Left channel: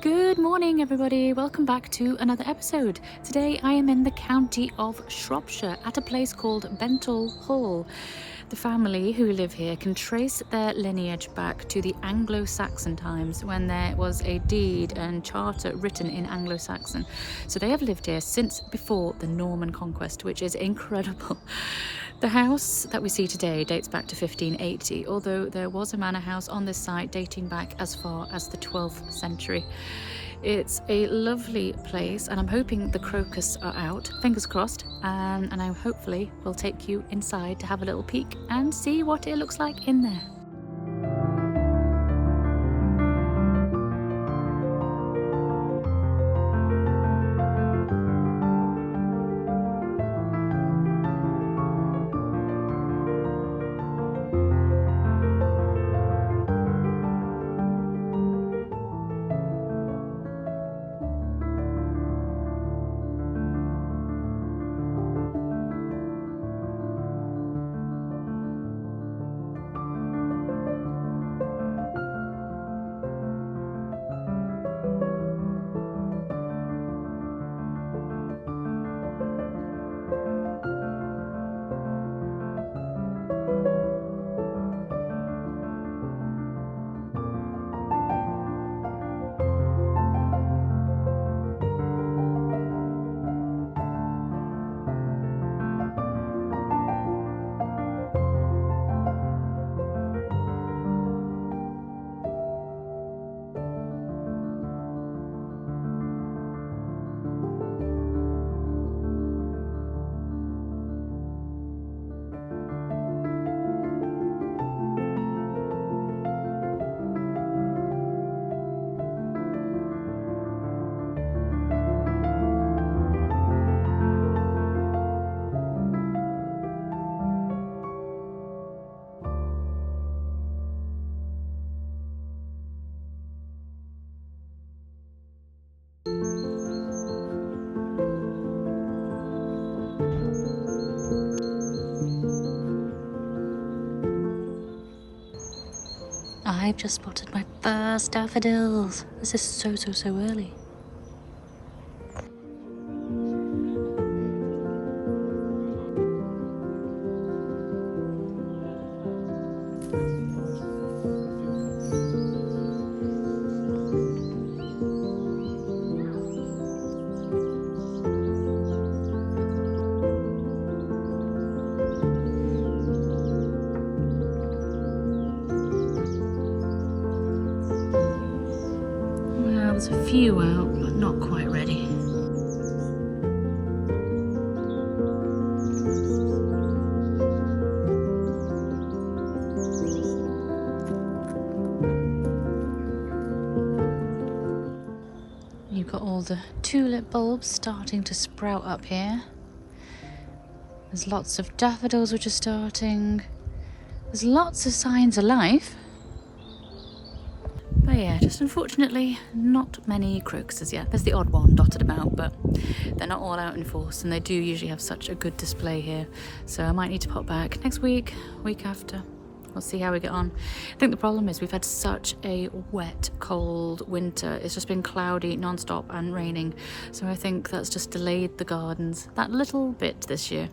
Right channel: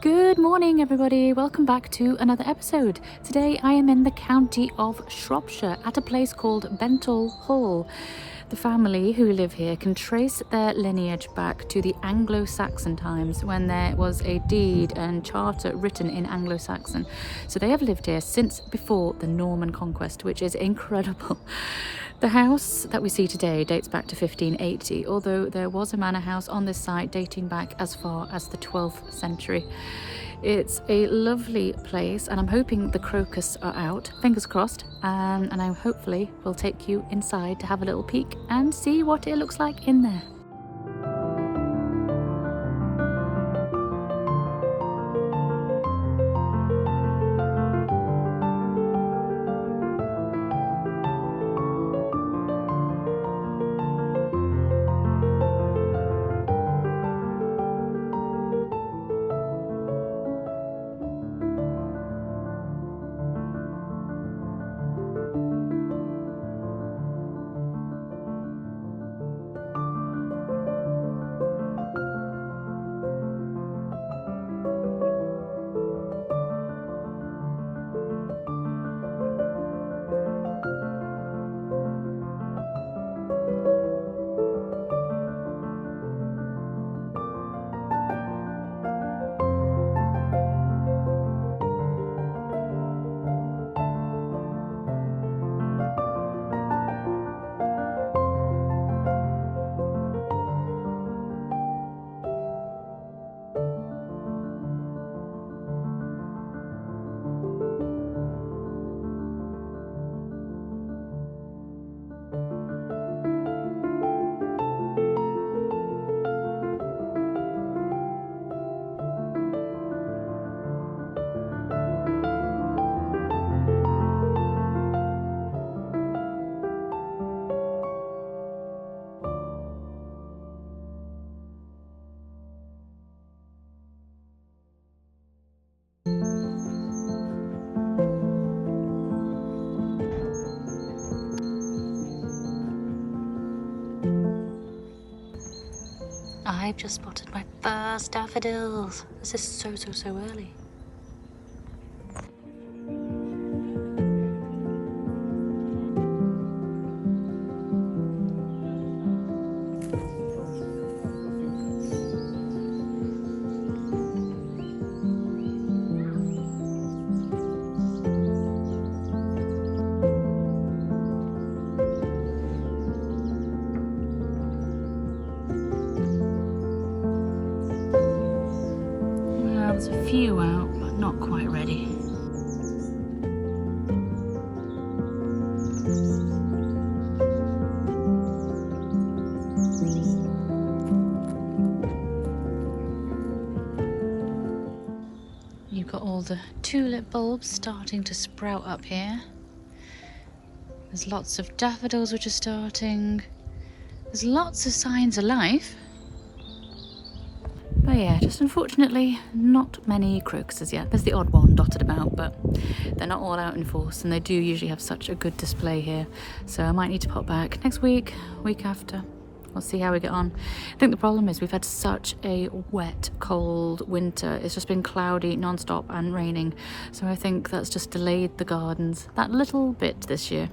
Good morning, everybody. Welcome back to another episode. Today I am in the county of Shropshire at a place called Benthall Hall. The family who live here can trace their lineage back to the Anglo-Saxon times when there was a deed and charter written in Anglo-Saxon. So they have lived here since before the Norman Conquest, which is incredible. The house that we see today dates back to 1580, although there was a manor house on this site dating back as far as the 12th century. It's a lovely place, and I'm hoping the crocus are out, fingers crossed, and I hopefully will take you inside to have a little peek and see what it looks like in there. I've just spotted my first daffodils. This is so early. Well, there's a few out, but not quite ready. You've got all the tulip bulbs starting to sprout up here. There's lots of daffodils which are starting. There's lots of signs of life. But yeah, just unfortunately not many crocuses yet. There's the odd one dotted about, but they're not all out in force, and they do usually have such a good display here. So I might need to pop back next week, week after. We'll see how we get on. I think the problem is we've had such a wet, cold winter. It's just been cloudy non-stop and raining. So I think that's just delayed the gardens that little bit this year.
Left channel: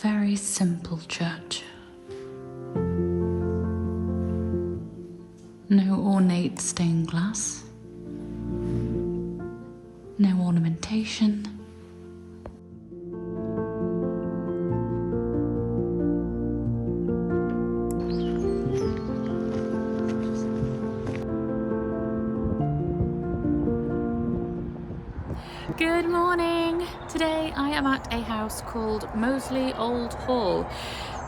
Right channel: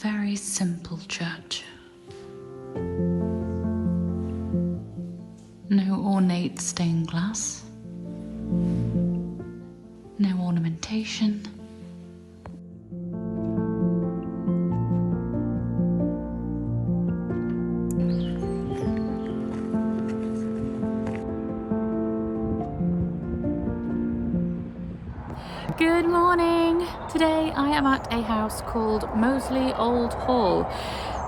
Very simple church. No ornate stained glass. No ornamentation. Good morning! Today I am at a house called Moseley Old Hall.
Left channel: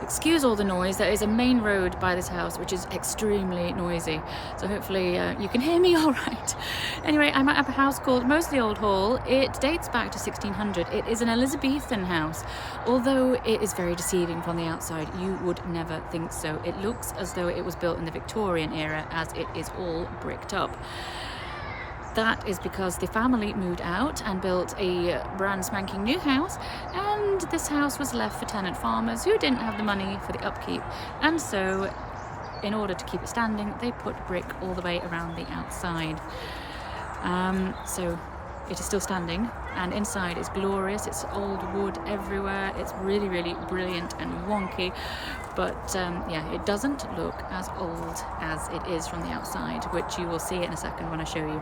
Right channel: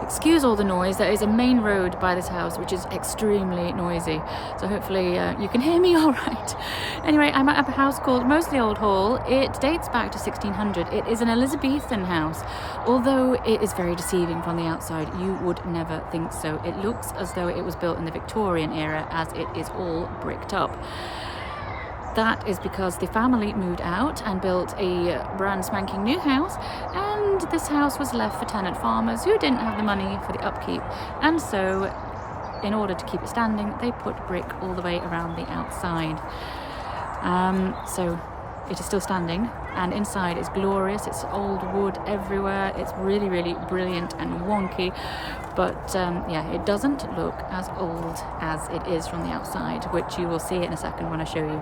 Excuse all the noise, there is a main road by this house which is extremely noisy, so hopefully you can hear me all right. Anyway, I'm at a house called Moseley Old Hall. It dates back to 1600. It is an Elizabethan house, although it is very deceiving from the outside. You would never think so. It looks as though it was built in the Victorian era, as it is all bricked up. That is because the family moved out and built a brand spanking new house, and this house was left for tenant farmers who didn't have the money for the upkeep, and so in order to keep it standing they put brick all the way around the outside. So it is still standing, and inside is glorious. It's old wood everywhere. It's really, really brilliant and wonky, but yeah, it doesn't look as old as it is from the outside, which you will see in a second when I show you.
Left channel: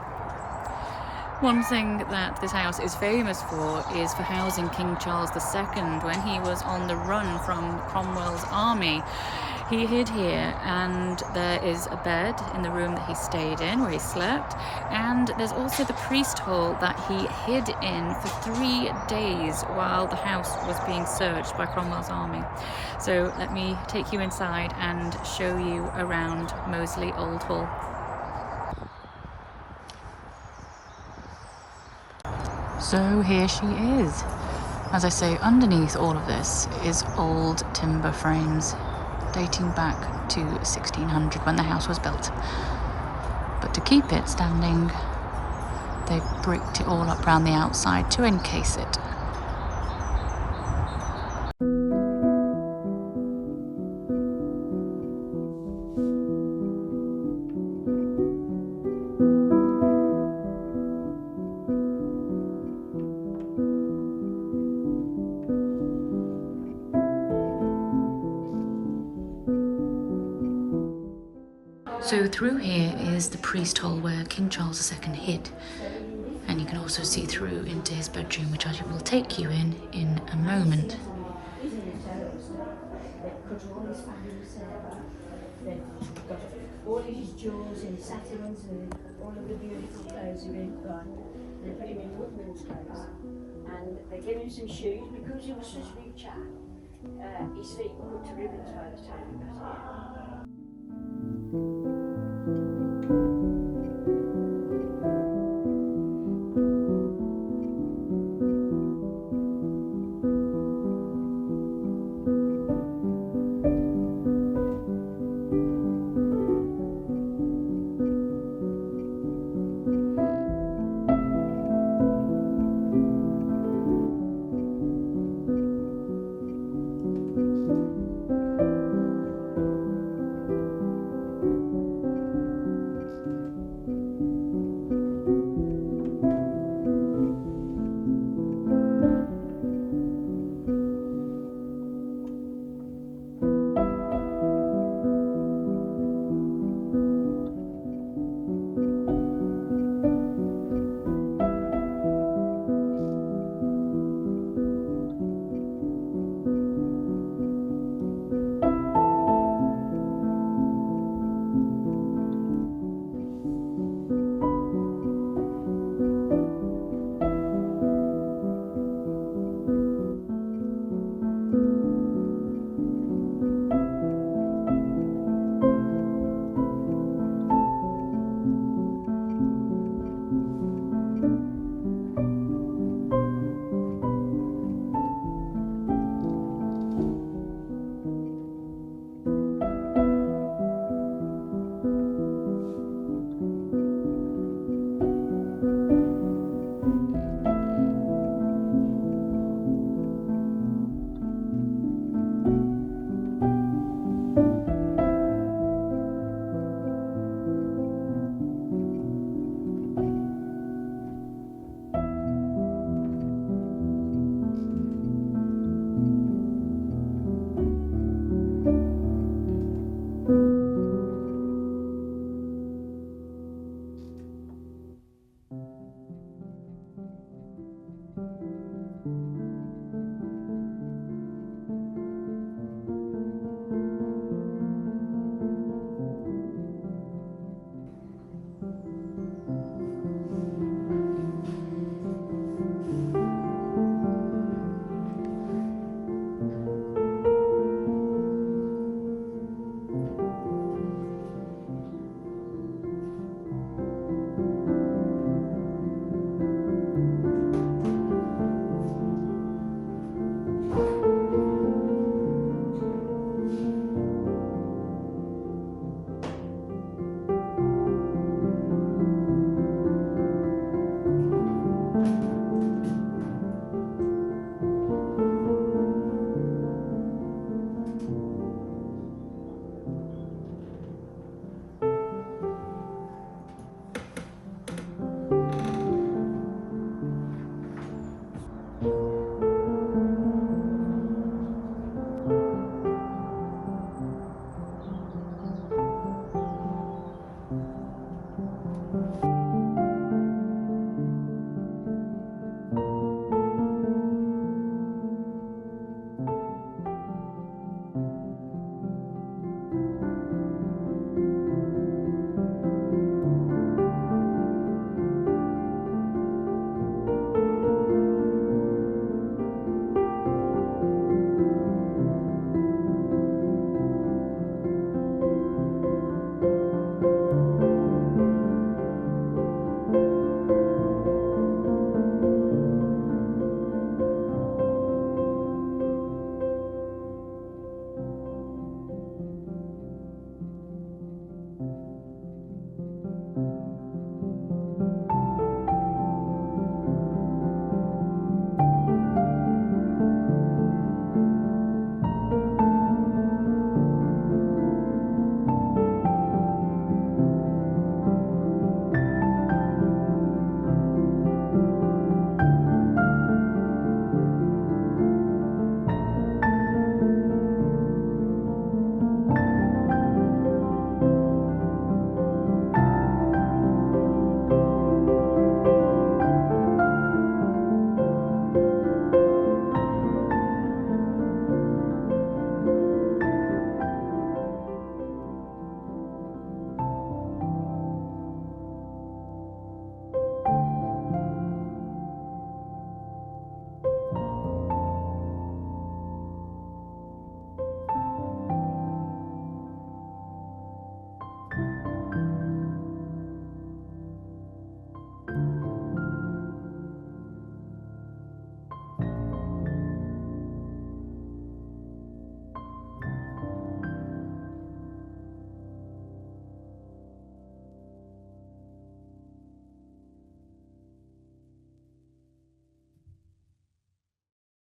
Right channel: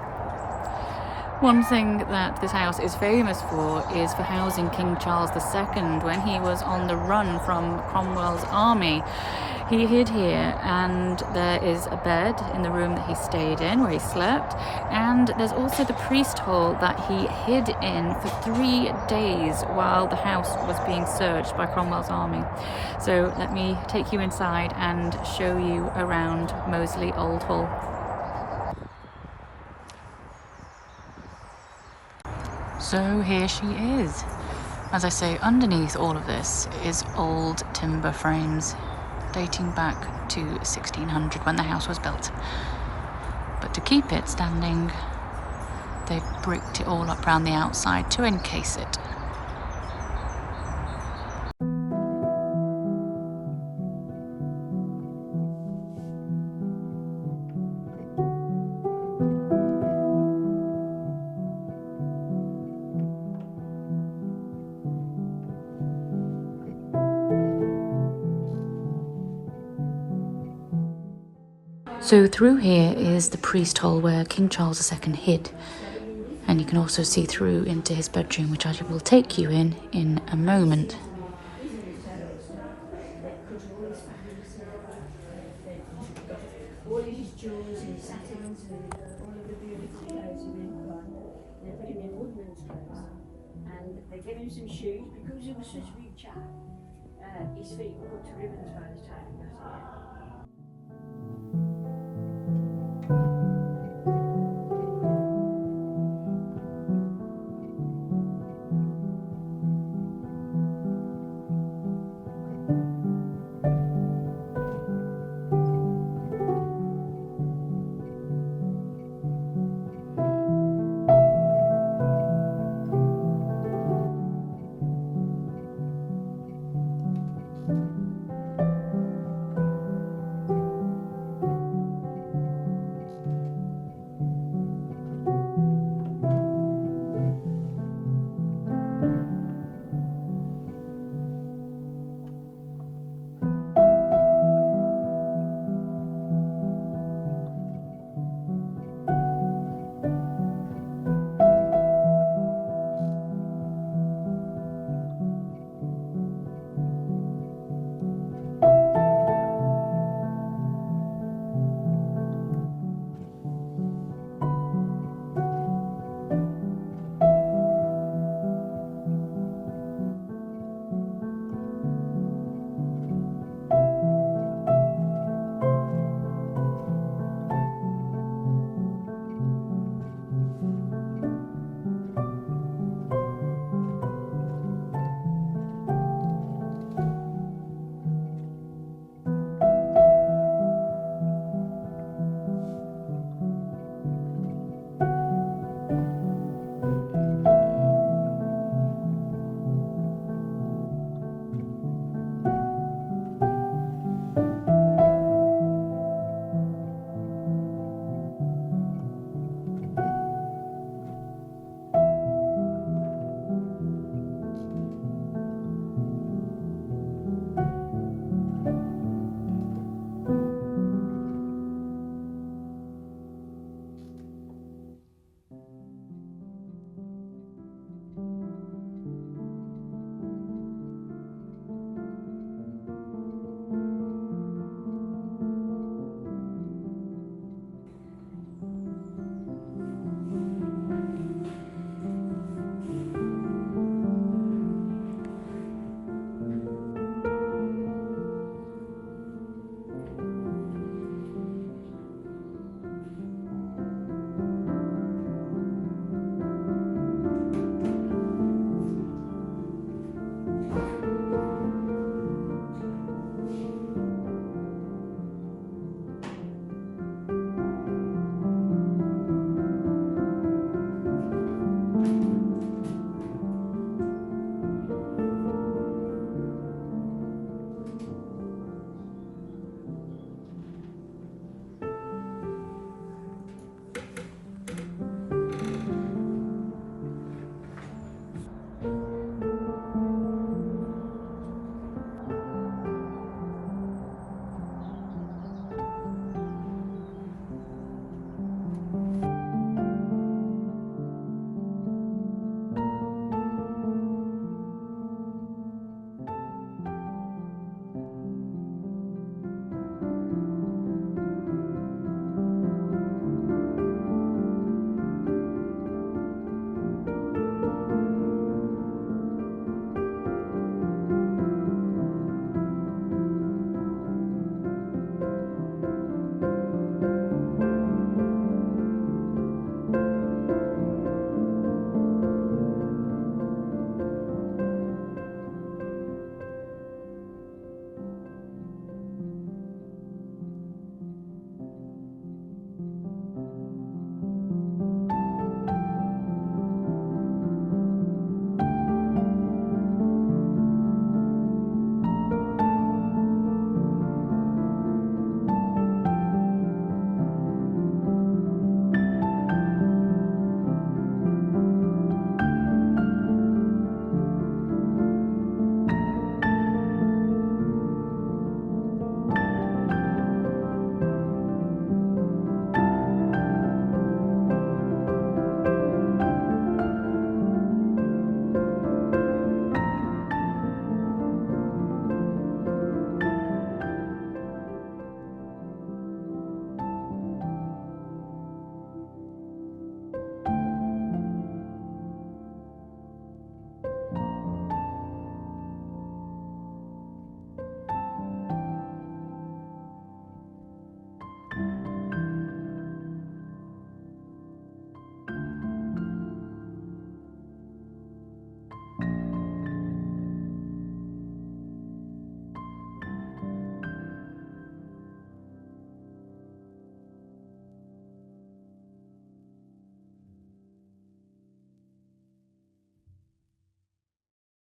One thing that this house is famous for is for housing King Charles II when he was on the run from Cromwell's army. He hid here, and there is a bed in the room that he stayed in, where he slept, and there's also the priest hall that he hid in for 3 days while the house was being searched by Cromwell's army. So let me take you inside and show you around Moseley Old Hall. So here she is. As I say, underneath all of this is old timber frames dating back to 1600 when the house was built. But to keep it standing, they've bricked it all up around the outside to encase it. So through here is the priest hall where King Charles II hid, and you can also see through into his bedroom, which I will take you in a moment. They gave him some shoes because he was such a big chap. His feet were put to ribbons by the time he got here.